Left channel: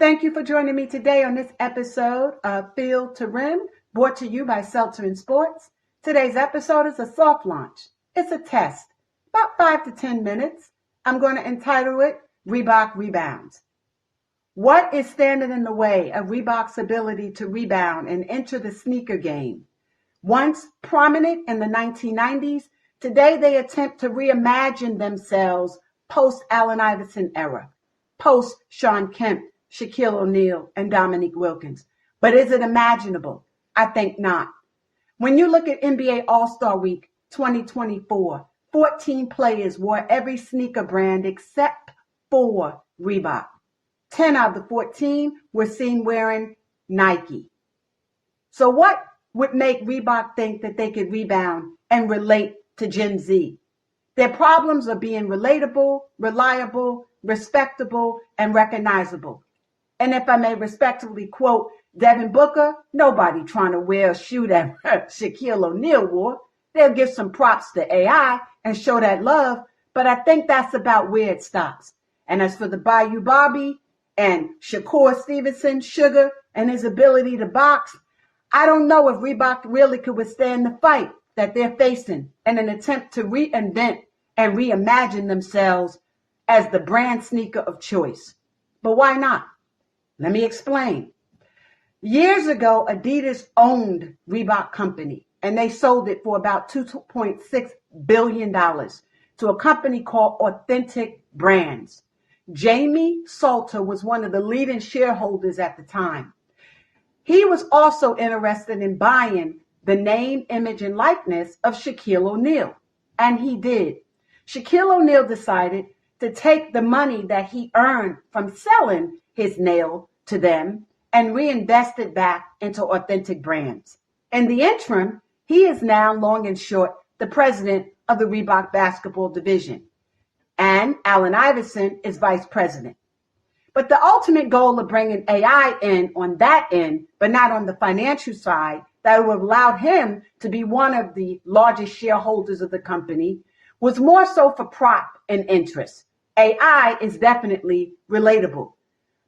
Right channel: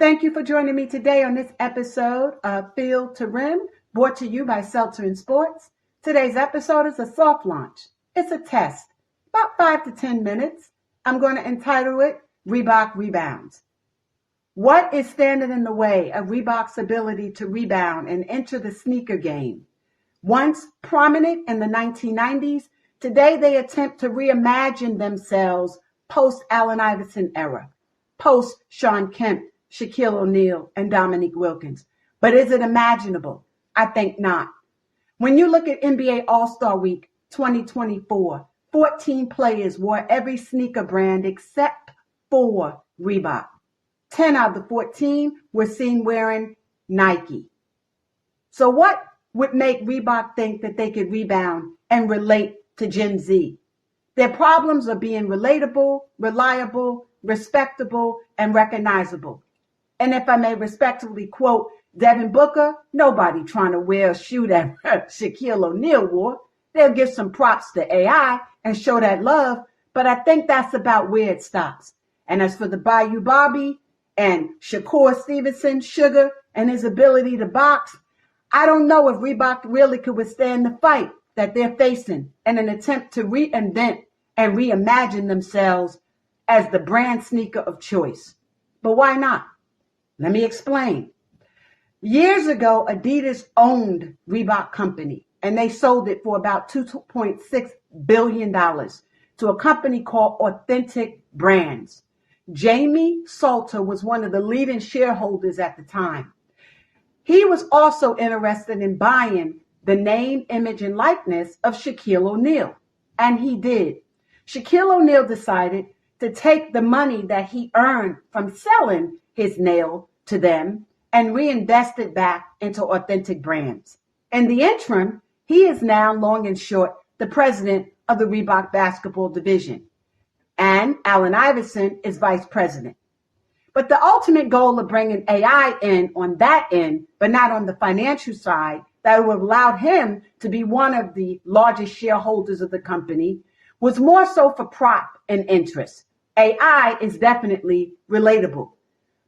Thank you for joining me today on this episode of Field to Rim, brought to you by Seltzer in Sports. Today's episode is a soft launch. It's a test, about 5 to 10 minutes. I'm going to entitle it Reebok Rebounds. What is standing in the way of Reebok's ability to rebound and enter the sneaker game? Once prominent in the 1990s, today they attempt to reimagine themselves post-Allen Iverson era, post-Shawn Kemp, Shaquille O'Neal, and Dominique Wilkins. But is it imaginable? I think not. When you look at NBA All-Star Week 2024, 14 players wore every sneaker brand except for Reebok. 10 out of the 14 were seen wearing Nike. So what would make Reebok think that they could rebound and relate to Gen Z? Their problems are being relatable, reliable, respectable, and recognizable. And if I may respectfully quote Devin Booker, nobody trying to wear a shoe that Shaquille O'Neal wore. They'll give some props to AI and show that love, but I think that's about where it stops. And as for the Bayou Bobby and Shakur Stevenson, Sugar, and his ability to box, I don't know if Reebok really could withstand the fight that they're facing in an attempt to reinvent and reimagine themselves as the brand sneaker of choice. But why not? Let me explain. Years ago, Adidas owned Reebok Company, and they sold it for about $2.6 billion to a company called Authentic Brands. Jamie Seltzer was one of the leading shareholders at the time. He was also interested in buying the name, image, and likeness of Shaquille O'Neal, and he did. Shaquille O'Neal decided to take the money that he earned from selling his nail to them and reinvest it back into Authentic Brands. In the interim, he is now, long and short, the president of the Reebok basketball division. And Allen Iverson is vice president. But the ultimate goal of bringing AI in on that end, but not on the financial side, that would allow him to be one of the largest shareholders of the company, was more so for prop and interest. AI is definitely relatable.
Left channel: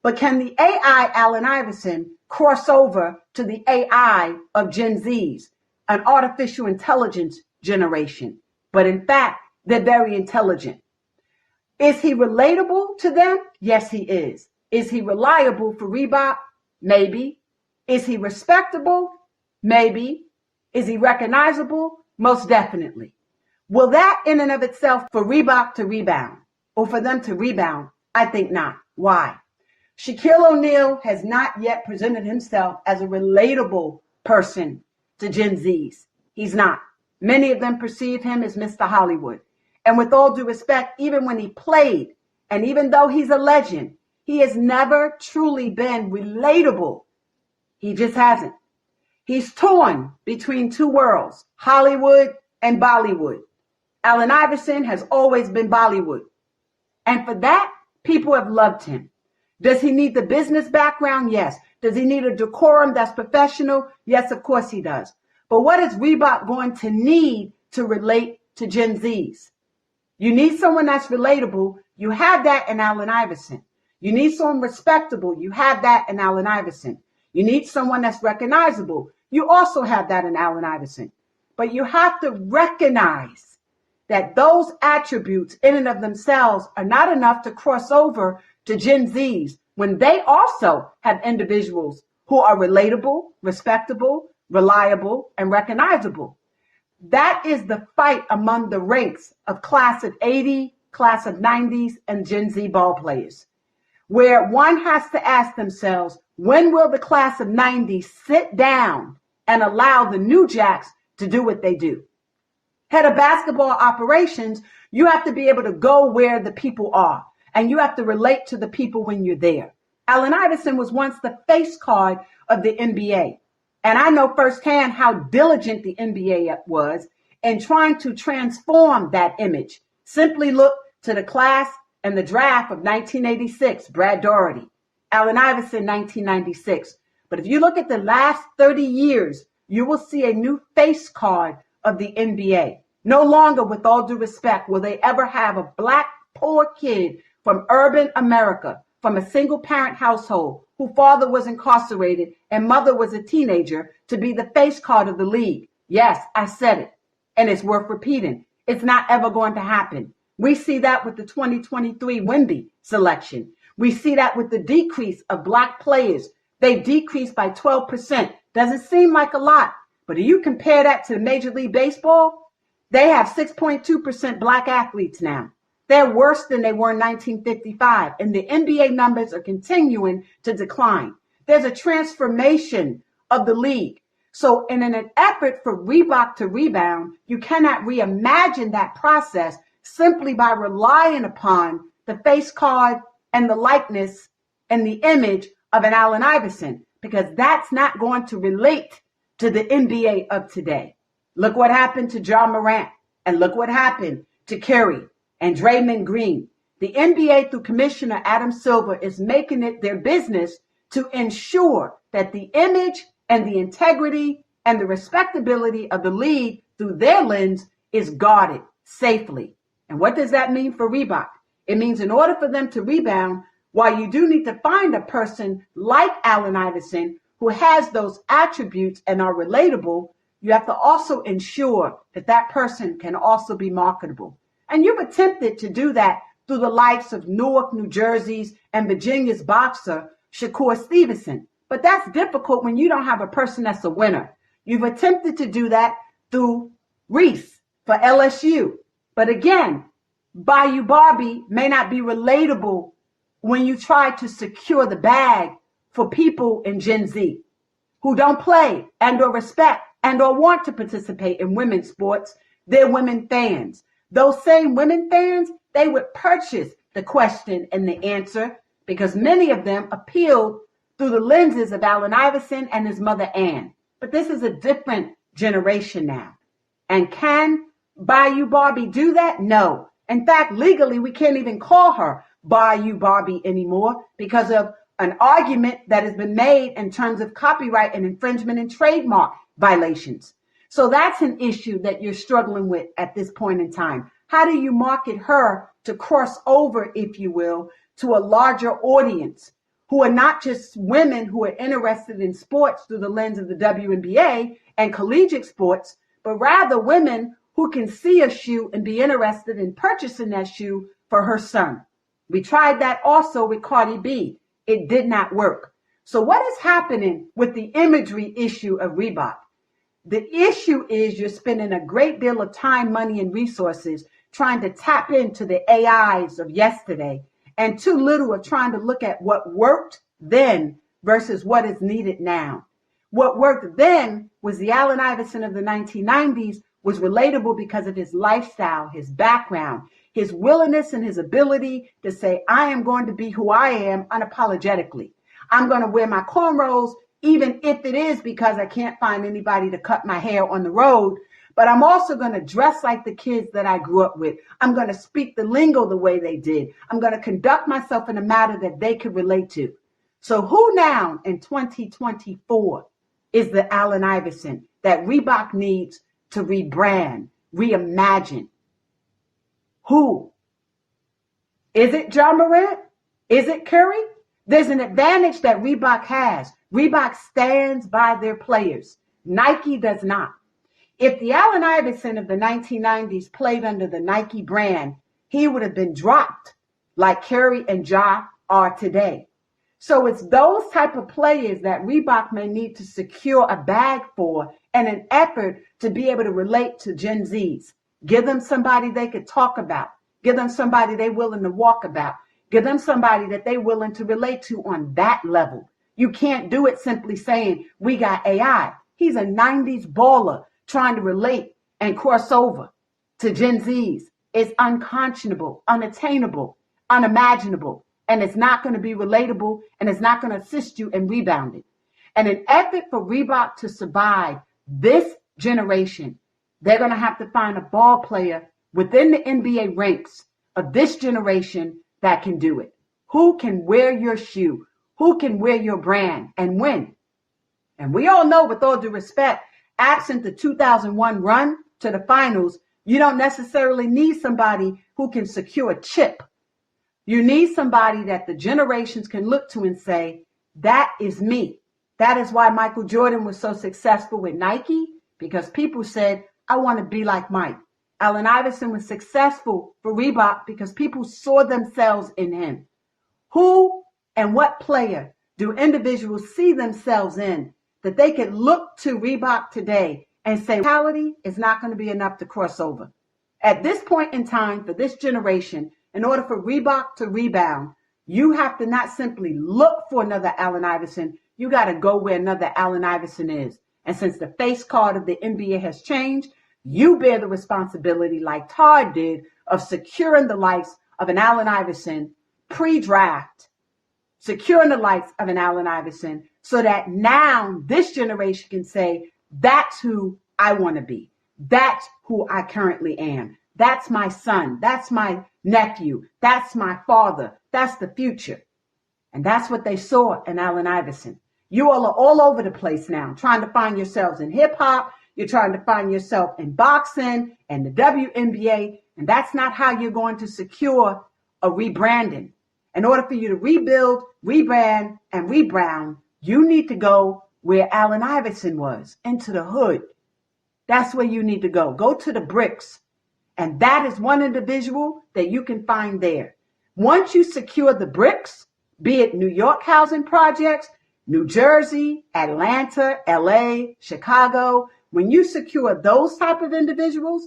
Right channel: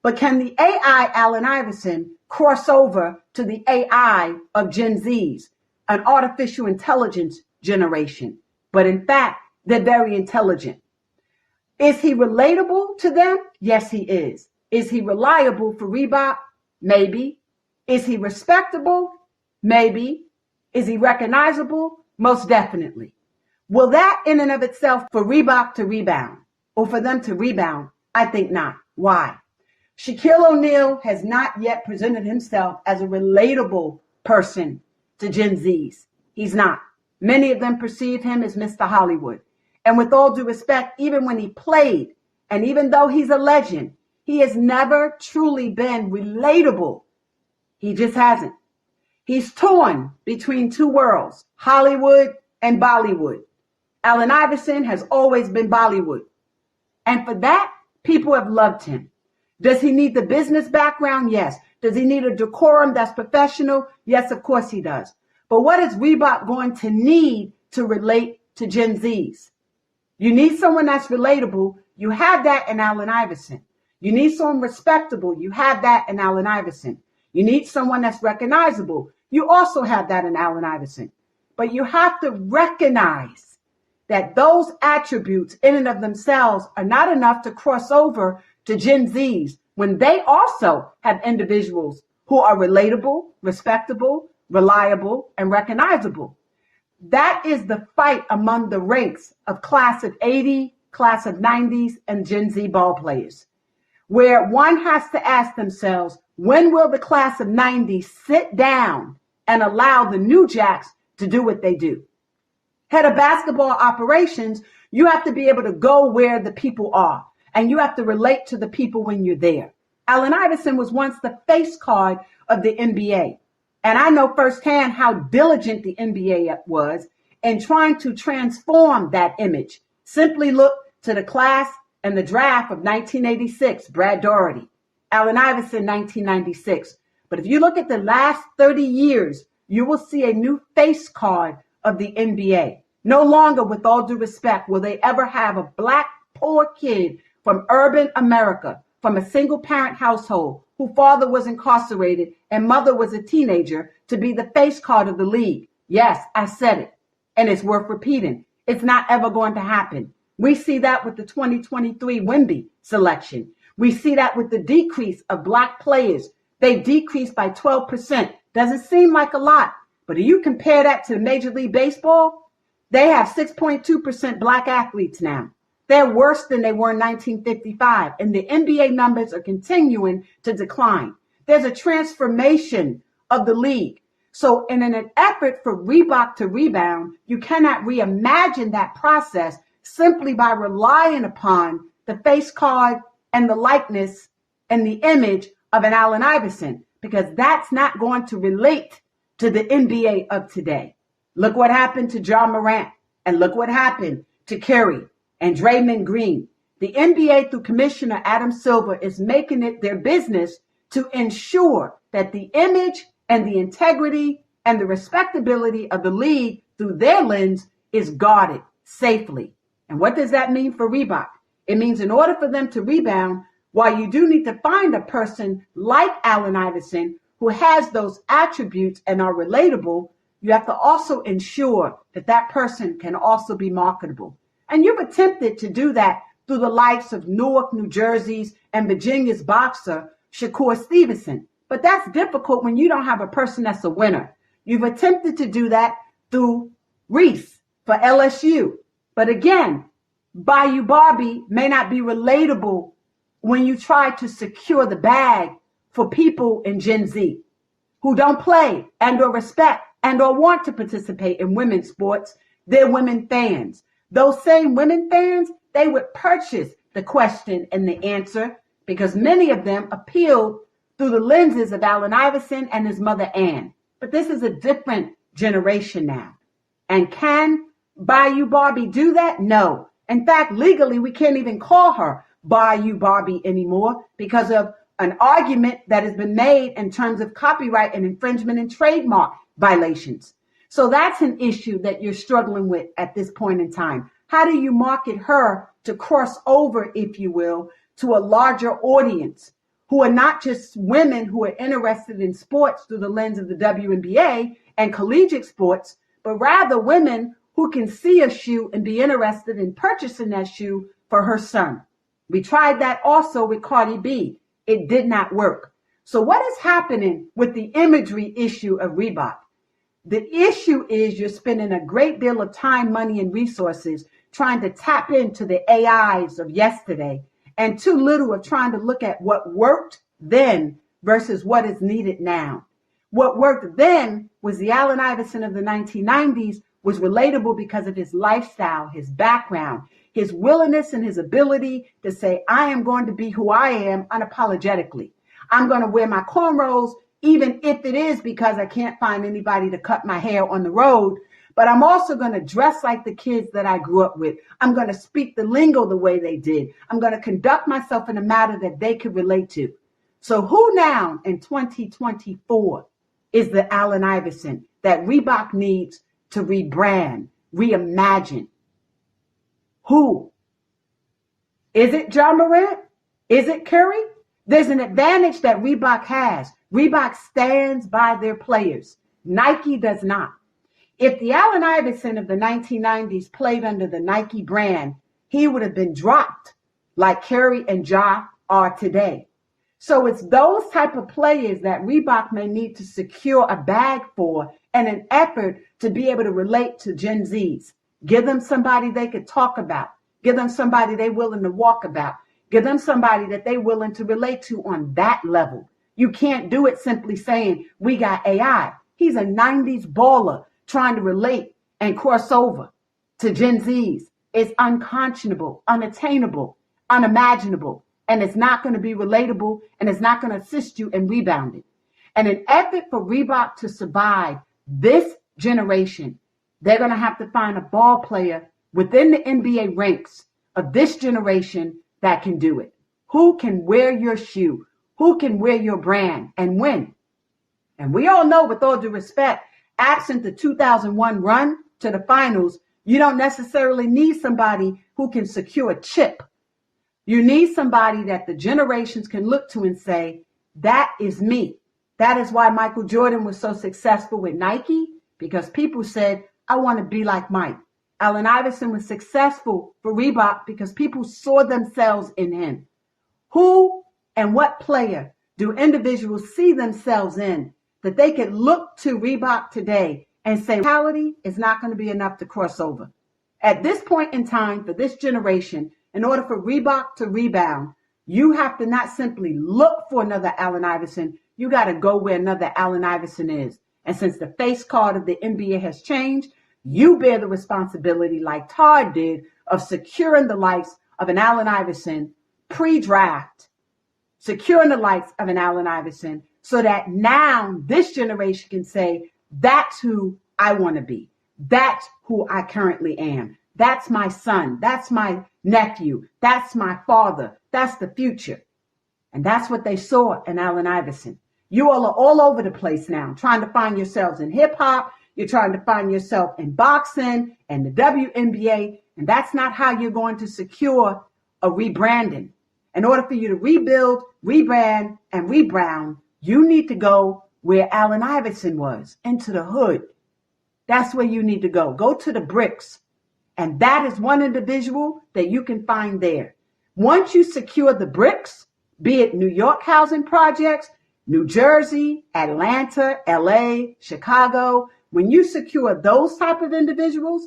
But can the AI Allen Iverson cross over to the AI of Gen Zs, an artificial intelligence generation? But in fact, they're very intelligent. Is he relatable to them? Yes, he is. Is he reliable for Reebok? Maybe. Is he respectable? Maybe. Is he recognizable? Most definitely. Will that in and of itself for Reebok to rebound or for them to rebound? I think not. Why? Shaquille O'Neal has not yet presented himself as a relatable person to Gen Zs. He's not. Many of them perceive him as Mr. Hollywood. And with all due respect, even when he played, and even though he's a legend, he has never truly been relatable. He just hasn't. He's torn between two worlds, Hollywood and Bollywood. Allen Iverson has always been Bollywood. And for that, people have loved him. Does he need the business background? Yes. Does he need a decorum that's professional? Yes, of course he does. But what is Reebok going to need to relate to Gen Zs? You need someone that's relatable. You have that in Allen Iverson. You need someone respectable. You have that in Allen Iverson. You need someone that's recognizable. You also have that in Allen Iverson. But you have to recognize that those attributes in and of themselves are not enough to cross over to Gen Zs when they also have individuals who are relatable, respectable, reliable, and recognizable. That is the fight among the ranks of class of 80, class of 90s, and Gen Z ball players, where one has to ask themselves, when will the class of 90s sit down and allow the new jacks to do what they do? Head of basketball operations, you have to be able to go where the people are, and you have to relate to the people when you're there. Allen Iverson was once the face card of the NBA. And I know firsthand how diligent the NBA was in trying to transform that image. Simply look to the class and the draft of 1986, Brad Daugherty, Allen Iverson, 1996. But if you look at the last 30 years, you will see a new face card of the NBA. No longer, with all due respect, will they ever have a black poor kid from urban America from a single parent household whose father was incarcerated and mother was a teenager to be the face card of the league. Yes, I said it, and it's worth repeating. It's not ever going to happen. We see that with the 2023 Wemby selection. We see that with the decrease of black players. They've decreased by 12%. Doesn't seem like a lot, but if you compare that to Major League Baseball, they have 6.2% black athletes now. They're worse than they were in 1955, and the NBA numbers are continuing to decline. There's a transformation of the league. So in an effort for Reebok to rebound, you cannot reimagine that process simply by relying upon the face card and the likeness and the image of an Allen Iverson, because that's not going to relate to the NBA of today. Look what happened to John Morant, and look what happened to Curry and Draymond Green. The NBA, through Commissioner Adam Silver, is making it their business to ensure that the image and the integrity and the respectability of the league through their lens is guarded safely. And what does that mean for Reebok? It means in order for them to rebound, while you do need to find a person like Allen Iverson who has those attributes and are relatable, you have to also ensure that that person can also be marketable. And you've attempted to do that through the likes of Newark, New Jersey's, and Virginia's boxer, Shakur Stevenson. But that's difficult when you don't have a person that's a winner. You've attempted to do that through Reese for LSU. But again, Bayou Barbie may not be relatable when you try to secure the bag for people in Gen Z who don't play and or respect and or want to participate in women's sports. They're women fans. Those same women fans, they would purchase the question and the answer because many of them appealed through the lenses of Allen Iverson and his mother Ann. But this is a different generation now. And can Bayou Barbie do that? No. In fact, legally, we can't even call her Bayou Barbie anymore because of an argument that has been made in terms of copyright and infringement and trademark violations. So that's an issue that you're struggling with at this point in time. How do you market her to cross over, if you will, to a larger audience who are not just women who are interested in sports through the lens of the WNBA and collegiate sports, but rather women who can see a shoe and be interested in purchasing that shoe for her son. We tried that also with Cardi B. It did not work. So what is happening with the imagery issue of Reebok? The issue is you're spending a great deal of time, money, and resources trying to tap into the AIs of yesterday and too little of trying to look at what worked then versus what is needed now. What worked then was the Allen Iverson of the 1990s was relatable because of his lifestyle, his background, his willingness and his ability to say, I am going to be who I am unapologetically. I'm going to wear my cornrows, even if it is because I can't find anybody to cut my hair on the road. But I'm also going to dress like the kids that I grew up with. I'm going to speak the lingo the way they did. I'm going to conduct myself in a manner that they could relate to. So who now in 2024 is the Allen Iverson that Reebok needs to rebrand, reimagine? Who? Is it John Morant? Is it Curry? There's an advantage that Reebok has. Reebok stands by their players. Nike does not. If the Allen Iverson of the 1990s played under the Nike brand, he would have been dropped like Curry and Ja are today. So it's those type of players that Reebok may need to secure a bag for in an effort to be able to relate to Gen Zs. Give them somebody they could talk about. Give them somebody they're willing to walk about. Give them somebody that they're willing to relate to on that level. You can't do it simply saying, we got AI. He's a 90s baller trying to relate and cross over to Gen Zs. It's unconscionable, unattainable, unimaginable, and it's not going to be relatable, and it's not going to assist you in rebounding. And an effort for Reebok to survive this generation, they're going to have to find a ball player within the NBA ranks of this generation that can do it. Who can wear your shoe? Who can wear your brand and win? And we all know, with all due respect, absent the 2001 run to the finals, you don't necessarily need somebody who can secure a chip. You need somebody that the generations can look to and say, that is me. That is why Michael Jordan was so successful with Nike, because people said, I want to be like Mike. Allen Iverson was successful for Reebok because people saw themselves in him. Who and what player do individuals see themselves in that they can look to Reebok today and say, reality is not going to be enough to cross over? At this point in time, for this generation, in order for Reebok to rebound, you have to not simply look for another Allen Iverson. You got to go where another Allen Iverson is. And since the face card of the NBA has changed, you bear the responsibility, like Todd did, of securing the lives of an Allen Iverson pre-draft, securing the lives of an Allen Iverson so that now this generation can say, that's who I want to be. That's who I currently am. That's my son. That's my nephew. That's my father. That's the future. And that's what they saw in Allen Iverson. You all are all over the place now, trying to find yourselves in hip hop. You're trying to find yourself in boxing and the WNBA. And that's not how you're going to secure a rebranding. In order for you to rebuild, rebrand, and rebound, you need to go where Allen Iverson was, into the hood. That's where you need to go. Go to the bricks. And that is one individual that you can find there. Once you secure the bricks, be it New York housing projects, New Jersey, Atlanta, LA, Chicago, when you secure those type of individuals,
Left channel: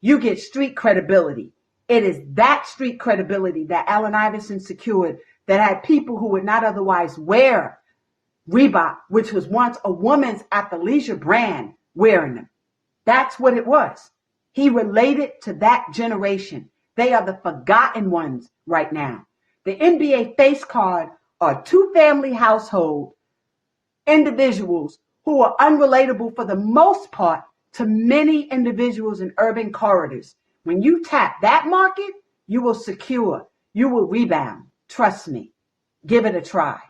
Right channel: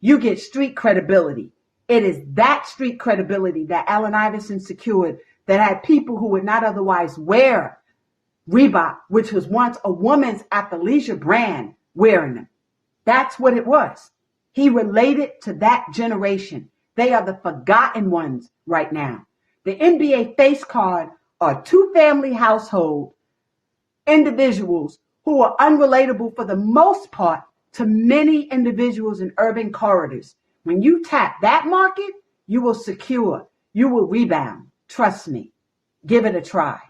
you get street credibility. It is that street credibility that Allen Iverson secured that had people who would not otherwise wear Reebok, which was once a woman's athleisure brand, wearing them. That's what it was. He related to that generation. They are the forgotten ones right now. The NBA face card are two-family household individuals who are unrelatable for the most part to many individuals in urban corridors. When you tap that market, you will secure, you will rebound. Trust me. Give it a try.